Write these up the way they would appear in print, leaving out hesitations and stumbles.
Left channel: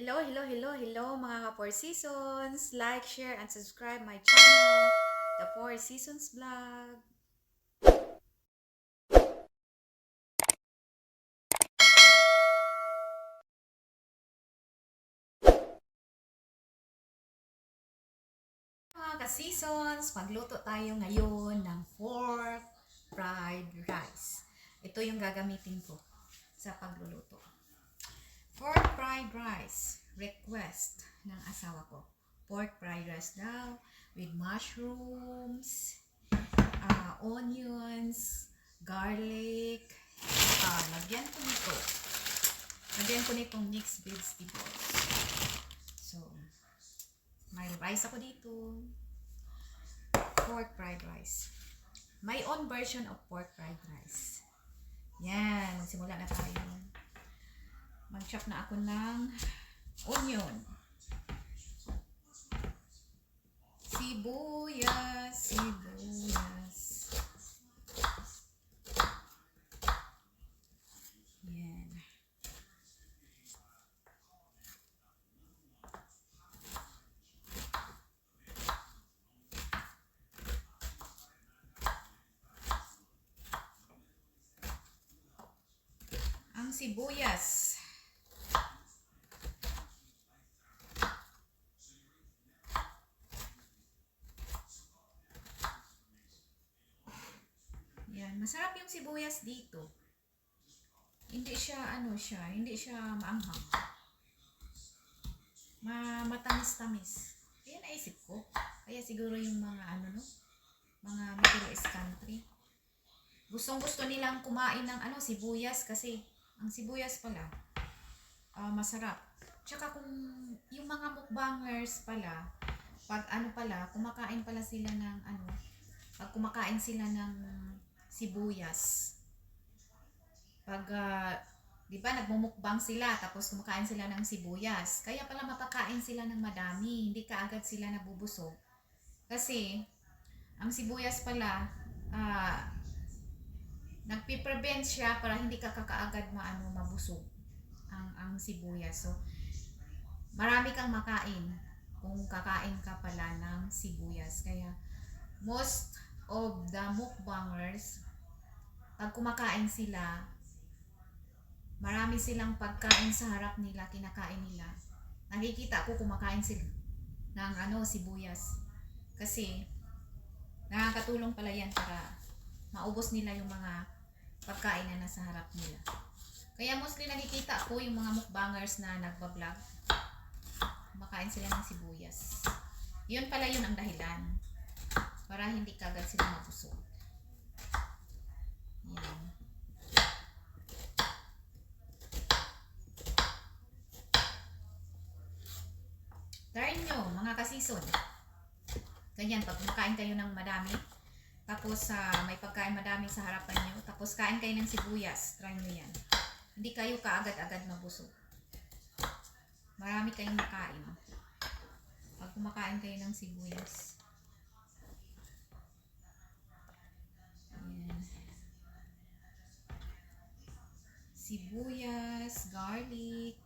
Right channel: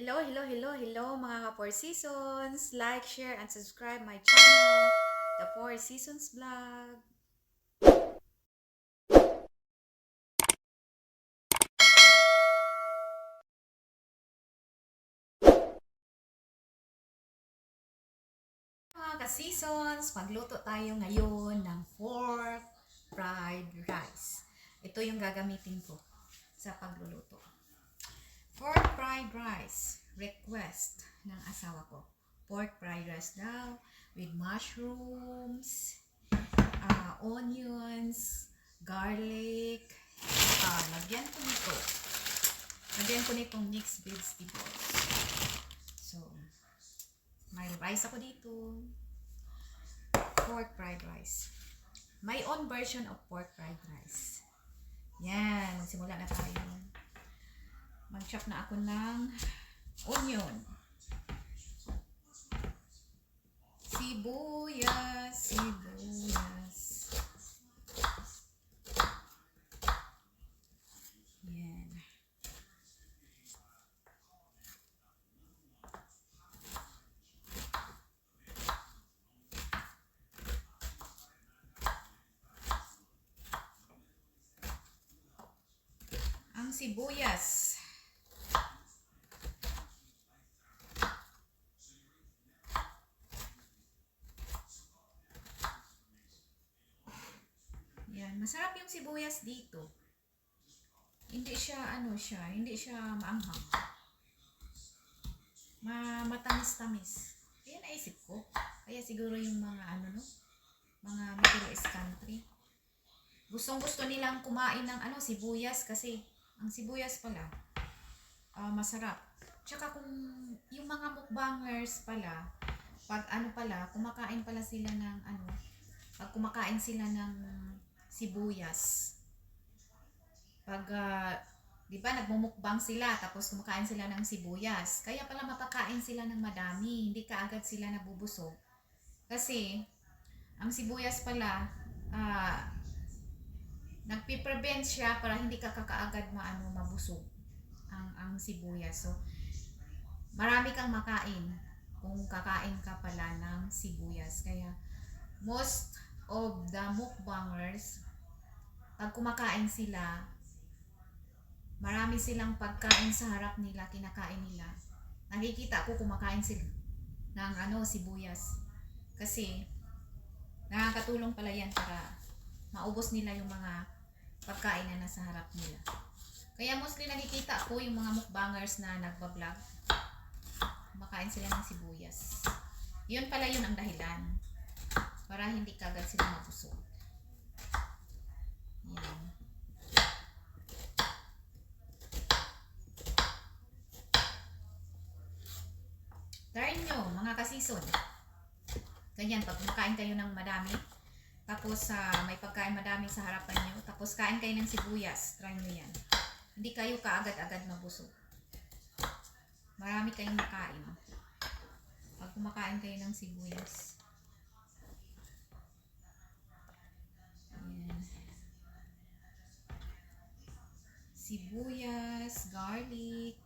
Hello mga ka-4 Seasons! Like, share, and subscribe my channel, The 4 Seasons Vlog. Mga ka-seasons, magluto tayo ngayon ng pork fried rice. Ito yung gagamitin ko sa pagluluto. Pork fried rice. Request ng asawa ko. Pork fried rice daw with mushrooms, onions, garlic. Lagyan ko nito. Lagyan ko nitong mixed vegetables. So, may rice ako dito. Pork fried rice. My own version of pork fried rice. Yan. Magsimula na tayo. Mag-chop na ako ng onion. Sibuyas. Yan. Ang sibuyas. Yan. Masarap yung sibuyas dito. Hindi siya maanghang. Matamis-tamis. Kaya naisip ko. Kaya siguro yung mga mga Middle East country. Gustong-gusto nilang kumain ng sibuyas kasi ang sibuyas pala masarap. Tsaka kung yung mga mukbangers pala, pag kumakain pala sila ng pag kumakain sila ng sibuyas. Pag di ba nagmumukbang sila tapos kumakain sila ng sibuyas. Kaya pala mapakain sila ng madami, hindi kaagad sila nabubusog. Kasi ang sibuyas pala nagpi-prevent siya para hindi ka kakaagad mabusog ang sibuyas. So marami kang makain kung kakain ka pala ng sibuyas. Kaya most of the mukbangers, pag kumakain sila, marami silang pagkain sa harap nila, kinakain nila. Nakikita ko kumakain sila ng sibuyas. Kasi nakakatulong pala yan para maubos nila yung mga pagkain na nasa harap nila. Kaya mostly nakikita ko yung mga mukbangers na nagbablog, kumakain sila ng sibuyas. Yun pala yun ang dahilan. Para hindi kagad sila mabusog. Yan. Try nyo, mga kasison. Ganyan, pag kumakain kayo ng madami, tapos may pagkain madami sa harapan nyo, tapos kain kayo ng sibuyas, try nyo yan. Hindi kayo kaagad-agad mabusog. Marami kayong makain. Pag kumakain kayo ng sibuyas. Ayan. Sibuyas, garlic.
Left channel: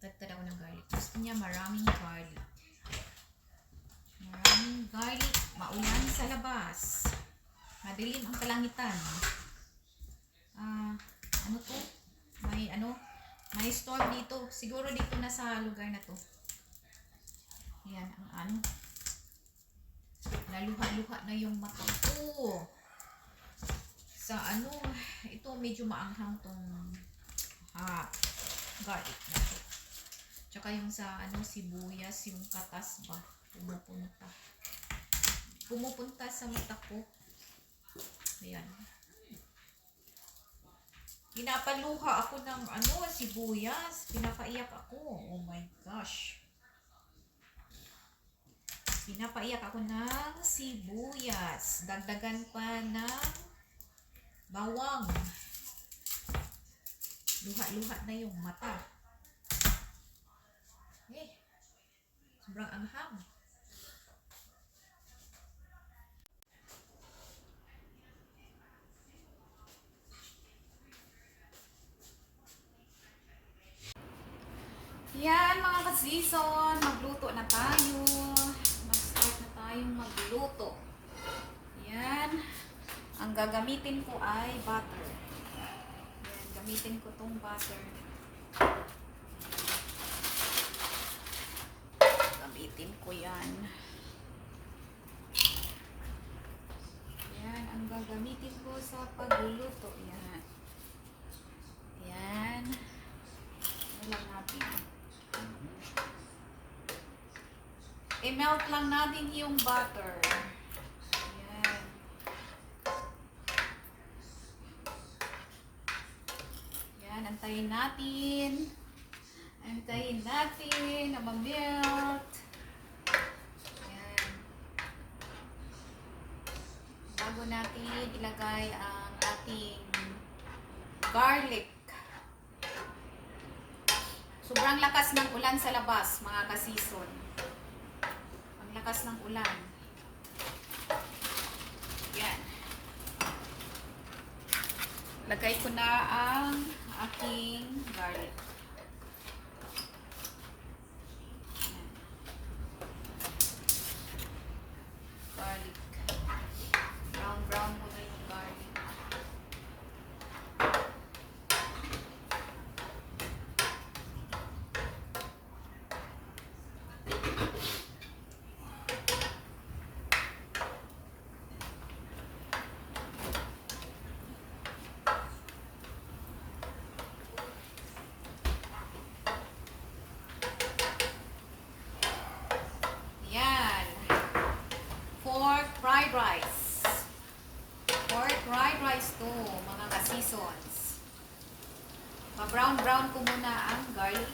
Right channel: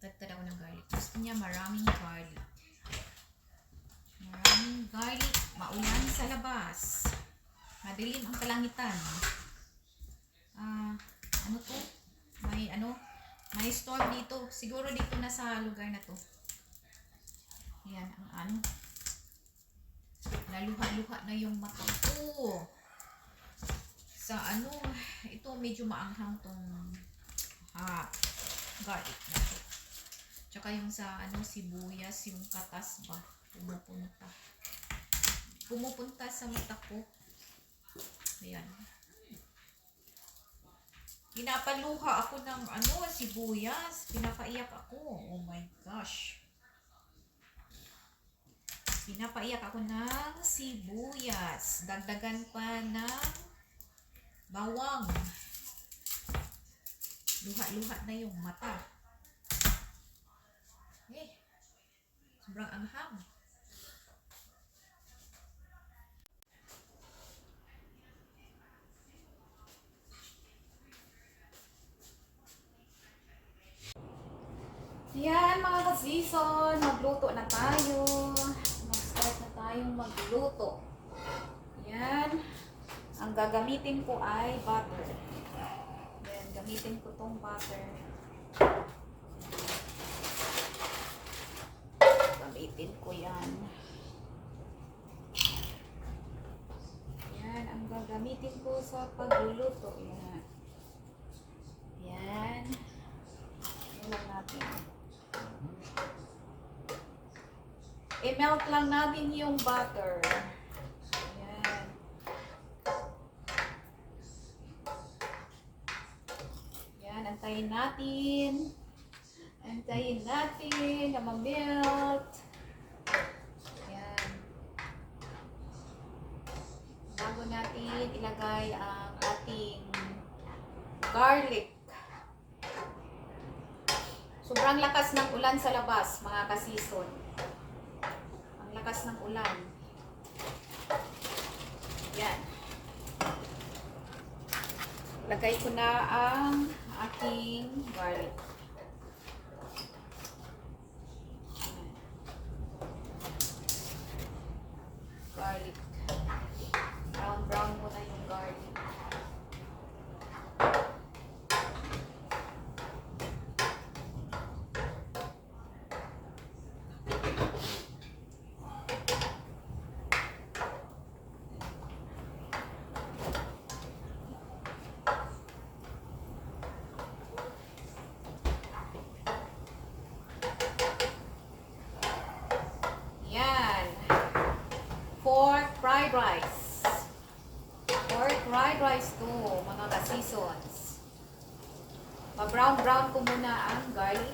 Tagtad ako ng garlic. Gusto niya maraming garlic. Maraming garlic. Maulan sa labas. Madilim ang kalangitan. Ano to? May storm dito. Siguro dito na sa lugar na to. Yan, ang naluha-luha na yung mata ko. Sa ito medyo maanghang tong garlic na to. Tsaka yung sa sibuyas, yung katas ba, pumupunta sa mata ko. Ayan. Pinapaluha ako ng sibuyas. Pinapaiyak ako. Oh my gosh. Pinapaiyak ako ng sibuyas. Dagdagan pa ng bawang. Luha-luha na yung mata. Sobrang anghang. Yan mga ka-season, magluto na tayo. Mag-start na tayong magluto. Yan. Ang gagamitin ko ay butter. Yan, gamitin ko tong butter. Gamitin ko yan. Yan, ang gagamitin ko sa pagluluto. Yan. Yan. Yan natin. I-melt lang natin yung butter. Ayan. Ayan, antayin natin. Antayin natin na ma-melt. Ayan. Bago natin ilagay ang ating garlic. Sobrang lakas ng ulan sa labas, mga ka-season. Lakas ng ulan. Yan. Lagay ko na ang aking garlic. Garlic. Brown ko na yung garlic. Fried rice. Pork fried rice to, mga ka-seasons. Ma-brown ko muna ang garlic.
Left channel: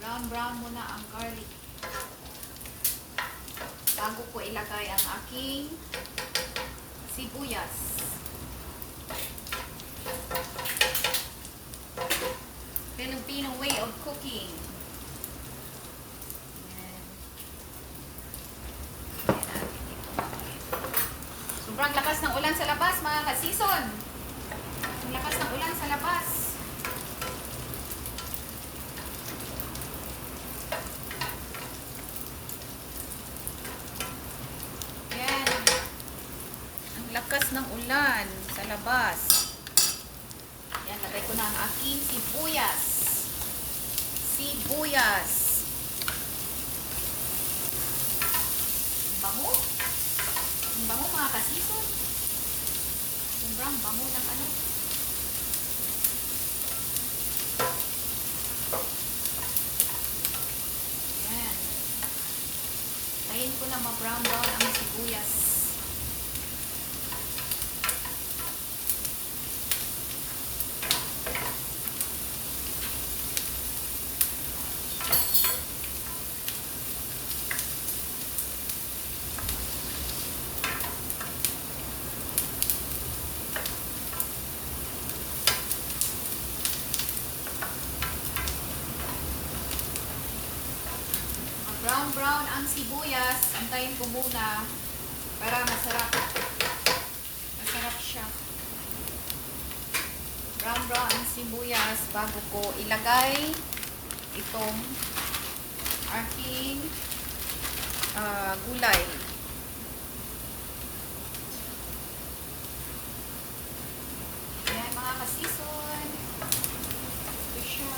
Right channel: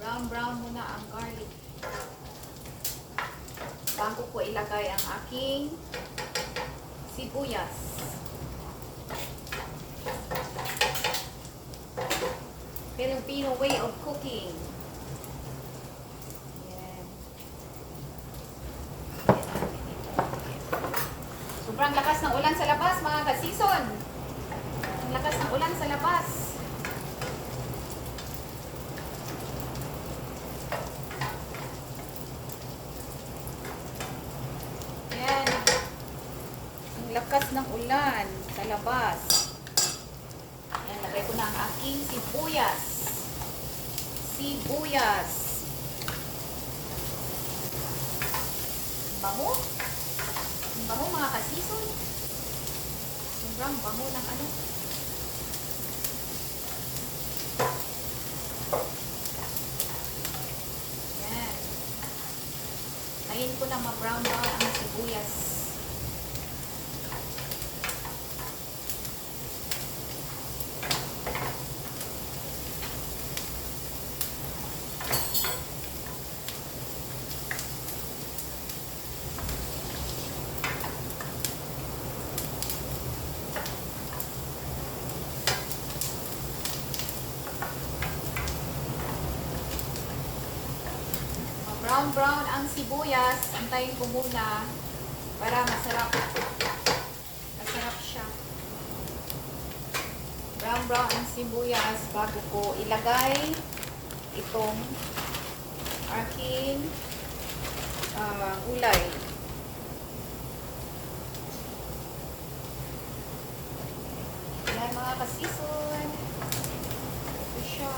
Ayan. Brown muna ang garlic. Bago ko ilagay ang aking sibuyas. Filipino way of cooking. Yan. Sobrang lakas ng ulan sa labas, mga ka-season. Ang lakas ng ulan sa labas. Yan. Ang lakas ng ulan sa labas. Yan, lagay ko na ang aking sibuyas. Sibuyas. Bango. Ang bango, mga ka-season. Sobrang bango ng ano. Yan. Tayin ko na ma-brown ang sibuyas. Brown ang sibuyas, antayin ko muna para masarap siya. Brown ang sibuyas bago ko ilagay itong aking gulay. Ayan, mga ka-season. Ito siya.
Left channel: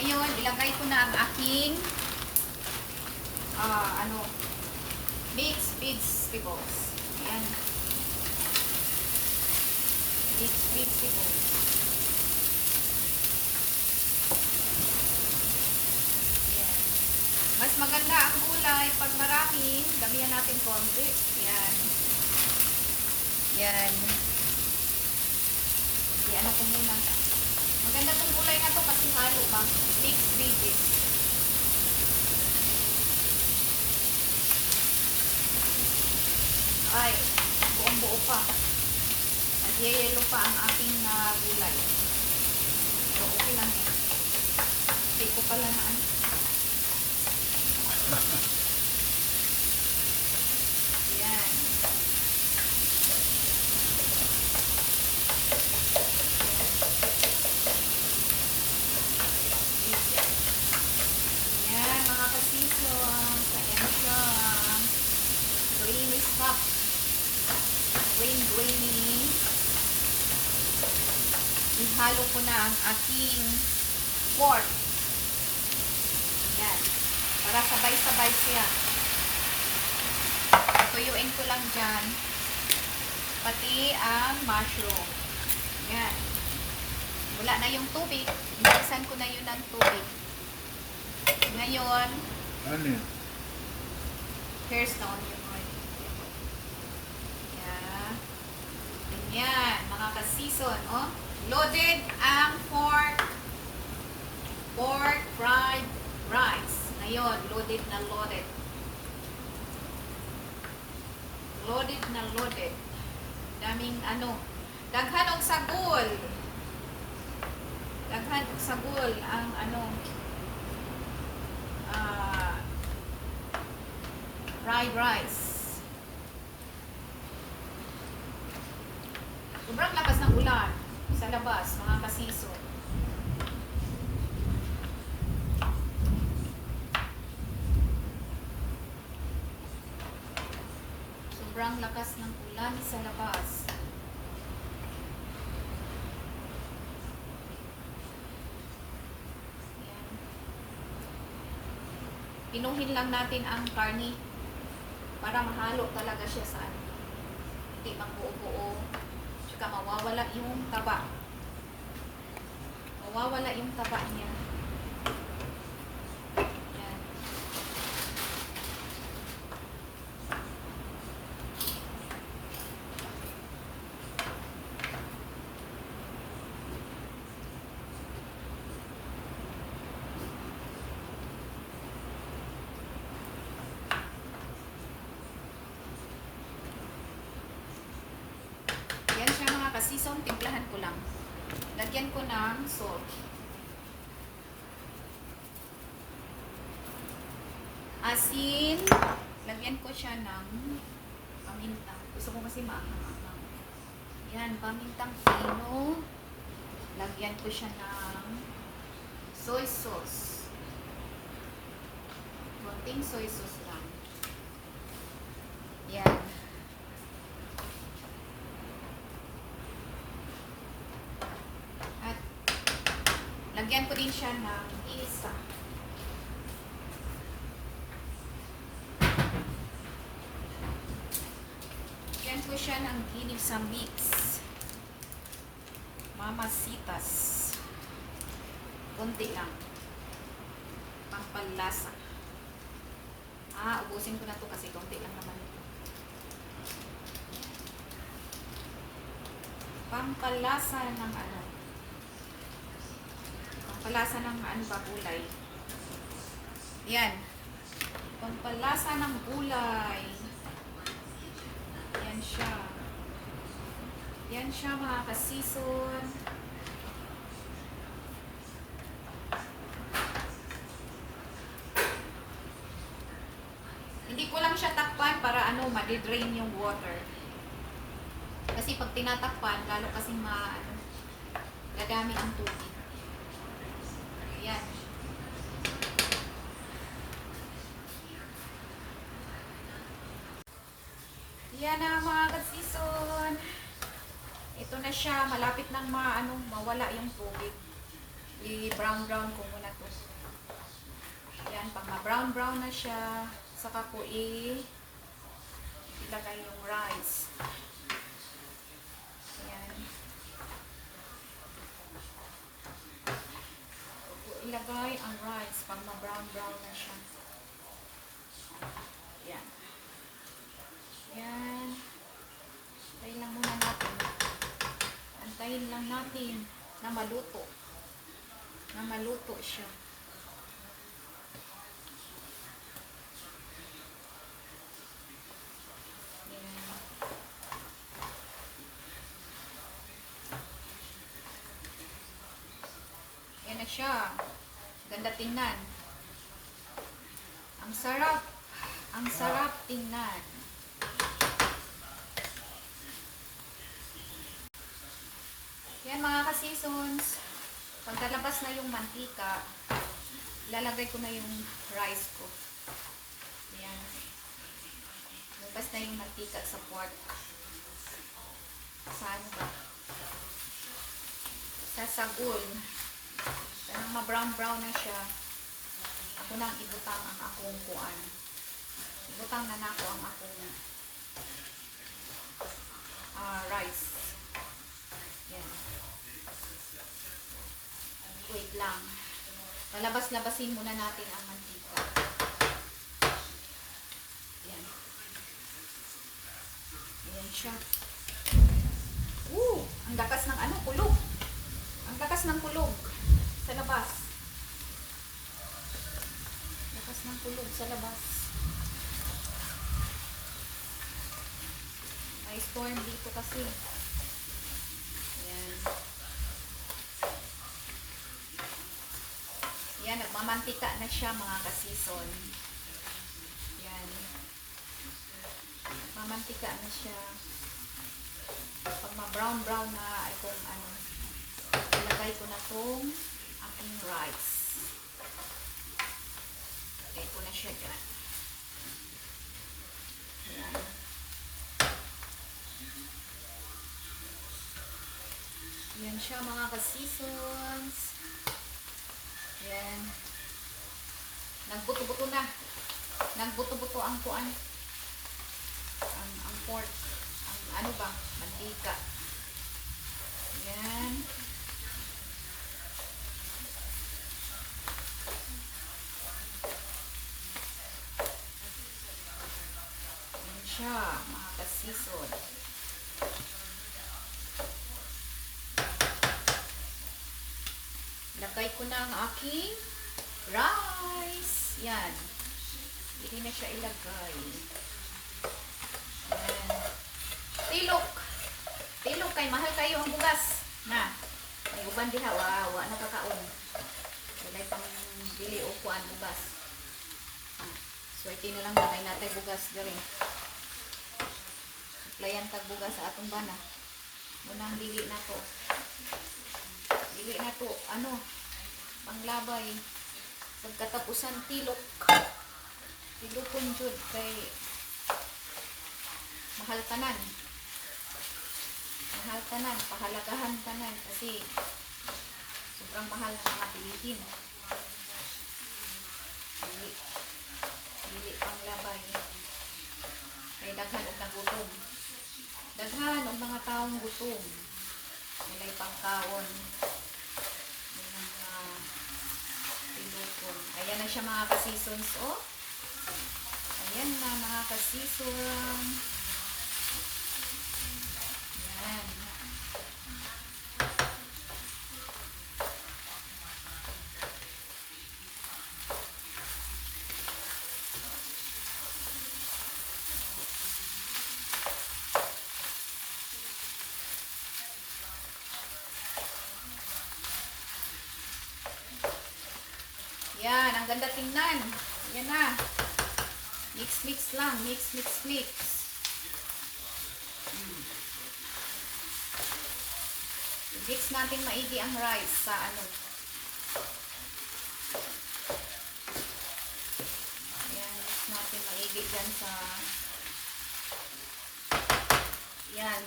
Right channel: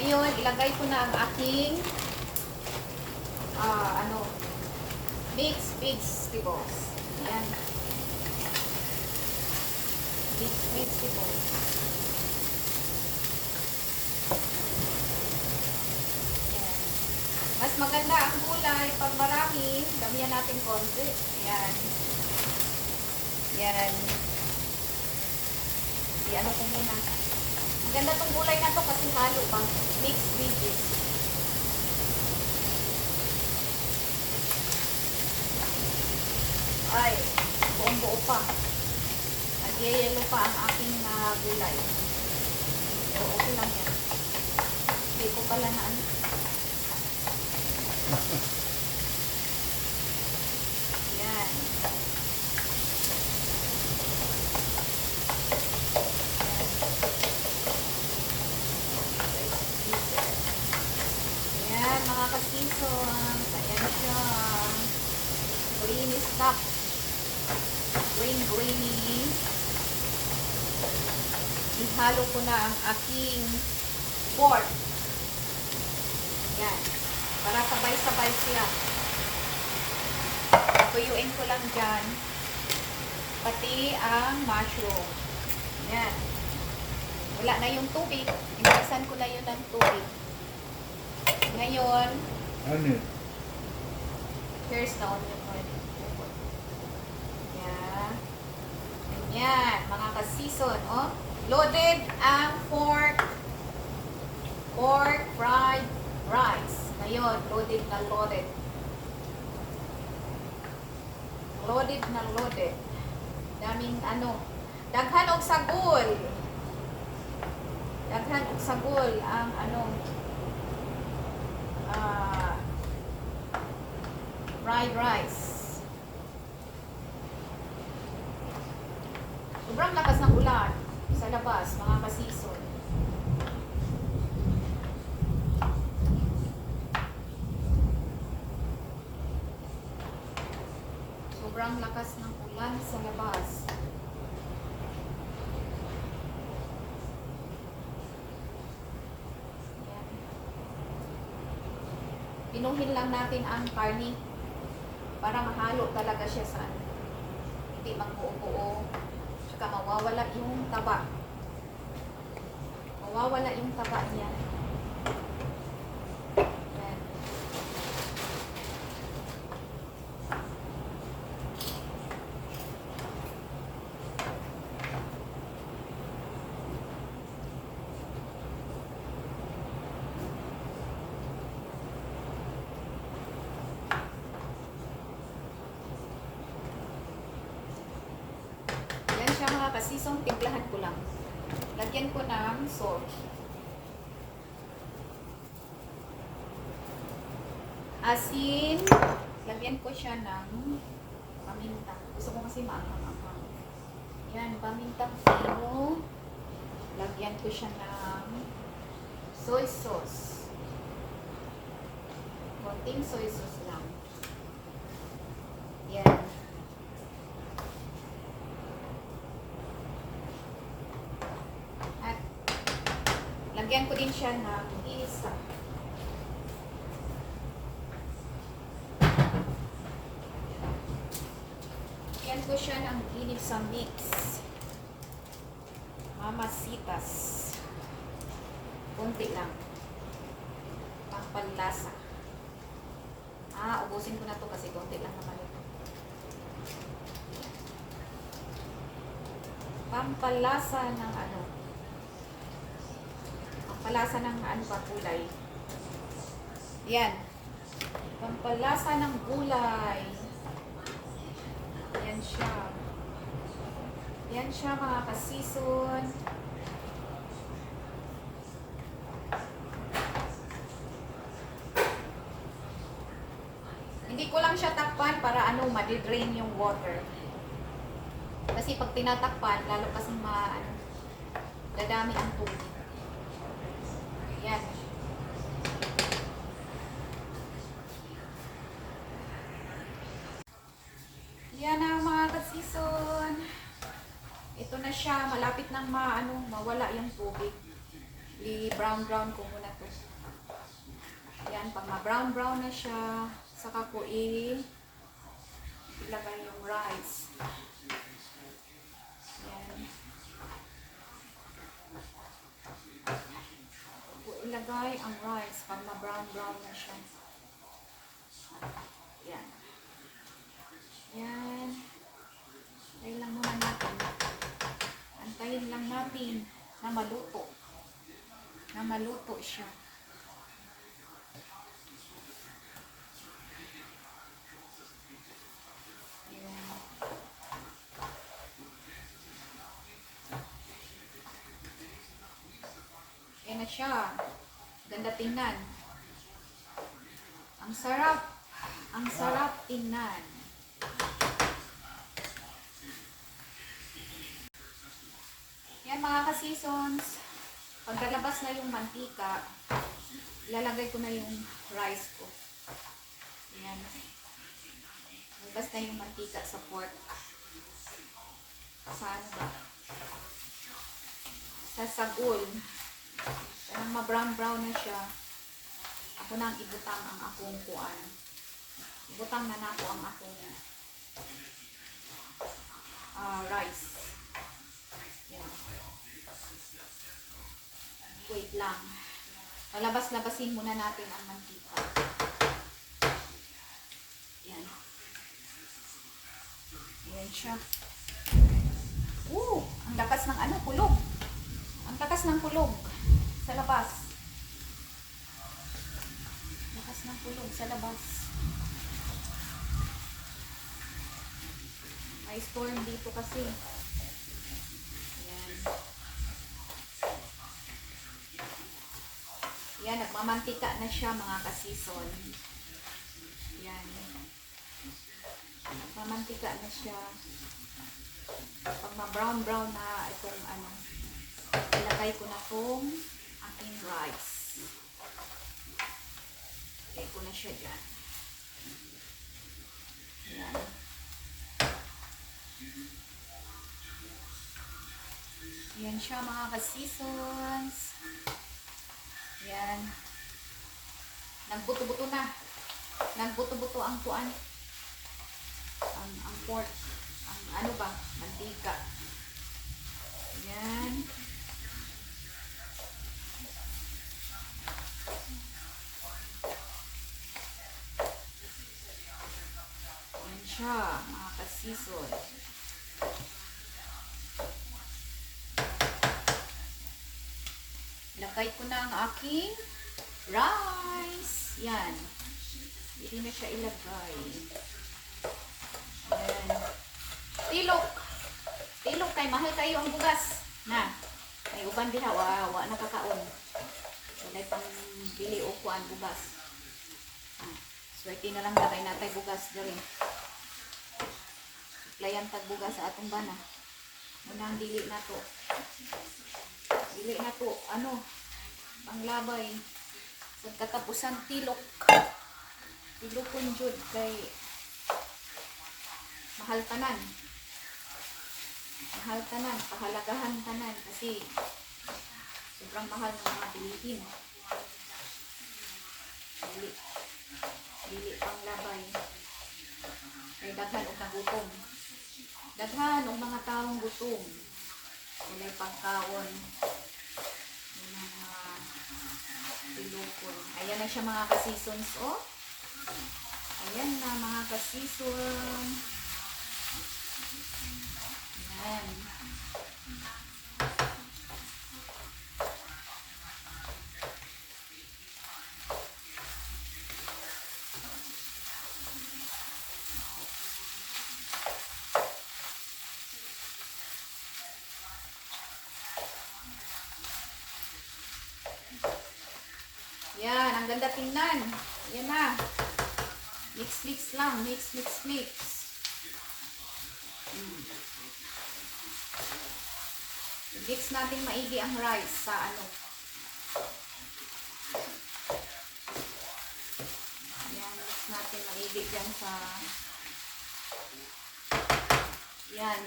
Ngayon, ilagay ko na ang aking mixed vegetables. Ayan. Mixed vegetables. Ayan. Mas maganda ang kulay pag marami, damihan natin konti. Ayan. Ayan. Ayan ko muna. Maganda tong gulay na to kasi halo pa. Mixed veggies. gulay. Pero okay lang yan. Hindi ko pala na ano. Yan. Yan, mga kasisons. Ayan siya. Greeny stuff. Greeny. Ihalo ko na ang aking pork. Yan. Para sabay-sabay siya. Tuyuin ko lang dyan. Pati ang mushroom. Yan. Wala na yung tubig. Inisan ko na yun ng tubig. Ngayon, here's the onion oil. Yan. Yan, mga ka-season. Oh. Loaded ang pork fried rice. Ngayon, loaded na loaded. Loaded na loaded. Daming ano. Daghan og sagol. Daghan og sagol ang ano. Fried rice. Sobrang lakas ng ulan sa labas, mga kasison. Sobrang lakas ng ulan sa labas. Ayan. Pinuhin lang natin ang karni para mahalo talaga siya sa ano. Hindi magbuo-buo. Tsaka mawawala yung taba. Mawawala yung taba niya. Ayan. Yan siya mga kasisong, timplahan ko lang. Lagyan ko ng salt. Asin. Lagyan ko siya ng paminta. Gusto ko kasi maangang-angang. Yan, paminta pino. Lagyan ko siya ng soy sauce. Konting soy sauce lang. Yan. At lagyan ko din siya ng isa. Lagyan ko siya ng inip sa mix. Mamasitas. Kunti lang. Pagpalasa. Ubusin ko na to kasi kunti lang naman ito. Pampalasa ng ano. Pampalasa ng ano ba, gulay. Yan. Pampalasa ng gulay. Yan siya. Yan siya mga kasison. Hindi ko lang siya takpan para ano, madidrain yung water. Kasi pag tinatakpan, lalo kasing dadami ang tubig. Ayan. Yan na mga kasison. Ito na siya, malapit nang mawala yung tubig. I-brown ko muna to. Yan, pag ma-brown na siya, saka ko ilagay yung rice. Yan. Ilagay ang rice pag ma-brown na siya. Yan. Yan. Antayin lang muna natin. Antayin lang natin na maluto. Na maluto siya. Yan. siya. Ganda tingnan. Ang sarap. Ang sarap tingnan. Yan mga ka-seasons. Paglalabas na yung mantika, lalagay ko na yung rice ko. Yan. Labas na yung mantika sa pork. Sa ano ba? Sa sagol. Parang ma-brown-brown na siya. Ako nang ibutang ang akong kuan. Ibutang na nako ang akong rice. Yan. Wait lang. Palabas-labasin muna natin ang mantika. Yan. Yan siya. Ang lakas ng ano, kulog. Ang lakas ng kulog sa labas. Lakas ng kulog sa labas. May storm dito kasi. Ayan. Yan, nagmamantika na siya mga ka-season. Yan. Nagmamantika na siya. Pag ma-brown-brown na itong ano, ilagay ko na itong aking rice. Ilagay ko na siya dyan. Yan. Yan siya mga ka-seasons. Yan. Nagbuto-buto na. Nagbuto-buto ang kuan. Ang pork. Ang ano ba? Mantika. Yan. Yan siya mga ka-season. Lagay ko na ang aking rice. Yan. Hindi na siya ilagay. Yan. Tilok. Tilok kay mahal kayo ang bugas. Na. May uban din ha. Wa nakakaon. Walay pang bili o kuan bugas. Swerte na lang lagay natin bugas dali. Suplayan tag bugas sa atong bana. Unang dili na to. Dili na to, ano, panglabay. Pagkatapusan tilok. Tilokon jud kay mahal tanan. Mahal tanan, pahalagahan tanan kasi sobrang mahal ng mga bilihin. Dili panglabay. Kay daghan og nagutom. Daghan og mga taong gutom. Walay pangkaon. Ayan na siya mga ka-seasons, oh. Ayan na mga ka-season. Ayan. Yan, ang ganda tingnan. Yan na. Mix lang. Mix. Mix natin maigi ang rice sa ano. Yan, mix natin maigi dyan sa yan.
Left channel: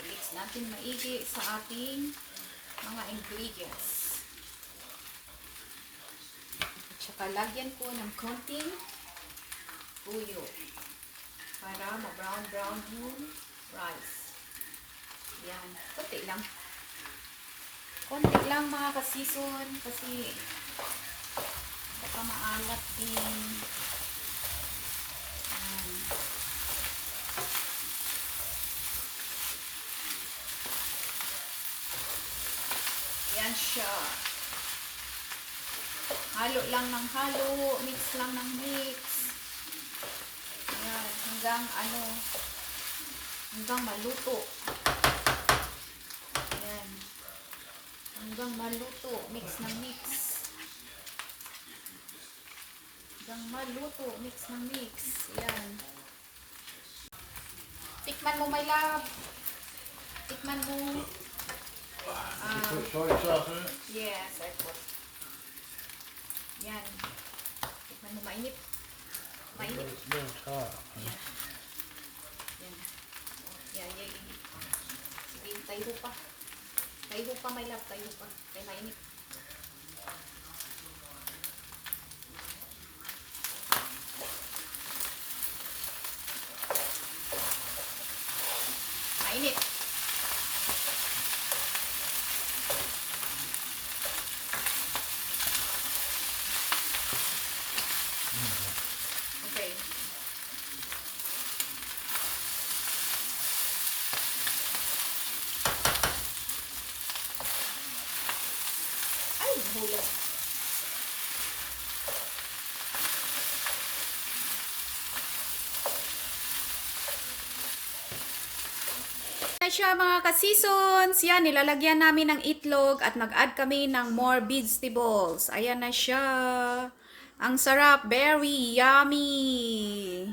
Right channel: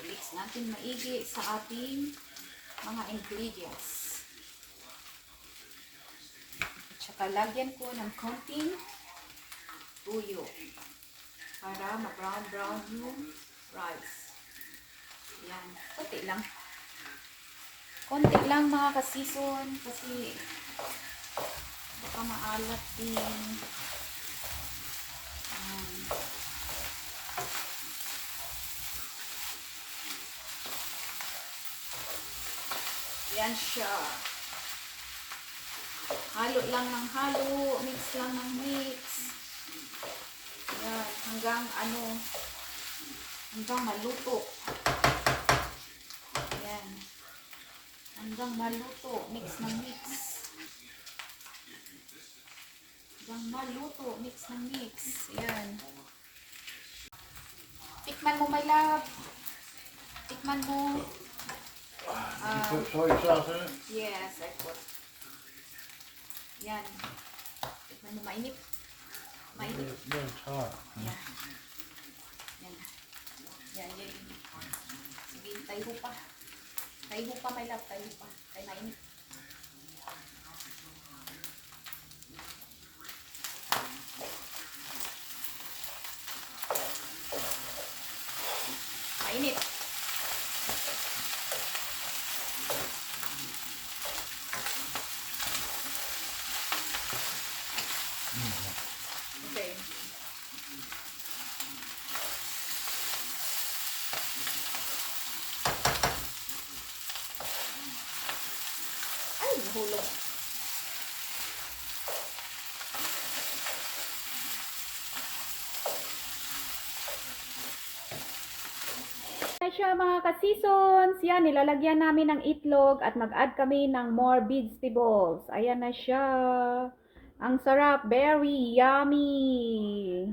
Mix natin maigi sa ating mga ingredients. Tsaka lagyan ko ng konting tuyo para ma-brown yung rice. Yan. Konti lang. Konti lang mga ka-season kasi baka maalat din. Yan siya. Halo lang ng halo, mix lang ng mix. Ayan, hanggang maluto. Ayan. Hanggang maluto. Mix ng mix. Hanggang maluto. Mix ng mix. Ayan. Tikman mo, my love. Tikman mo. You put soy sauce in it? Yes, I put. Yan. Tikman mo, mainit. Mainit. It's hot. Yan. Yan. Yan, yan. Sige, tayo pa. Tayo pa, my love. Tayo pa. Kaya mainit. Mainit. Okay. Ay, nahulog. Na siya mga ka-seasons. Yan, nilalagyan namin ng itlog at mag-add kami ng more vegetables. Ayan na siya. Ang sarap. Very yummy.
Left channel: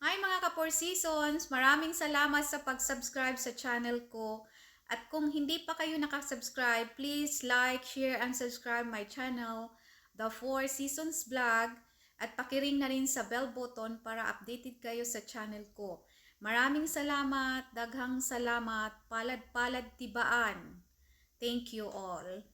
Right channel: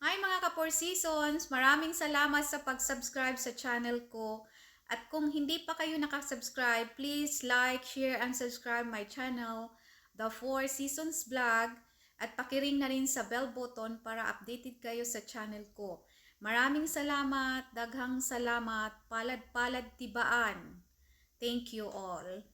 Hi mga ka-4 seasons. Maraming salamat sa pag-subscribe sa channel ko. At kung hindi pa kayo nakasubscribe, please like, share, and subscribe my channel, The 4 Seasons Vlog. At pakiring na rin sa bell button para updated kayo sa channel ko. Maraming salamat, daghang salamat, palad-palad tibaan. Thank you all.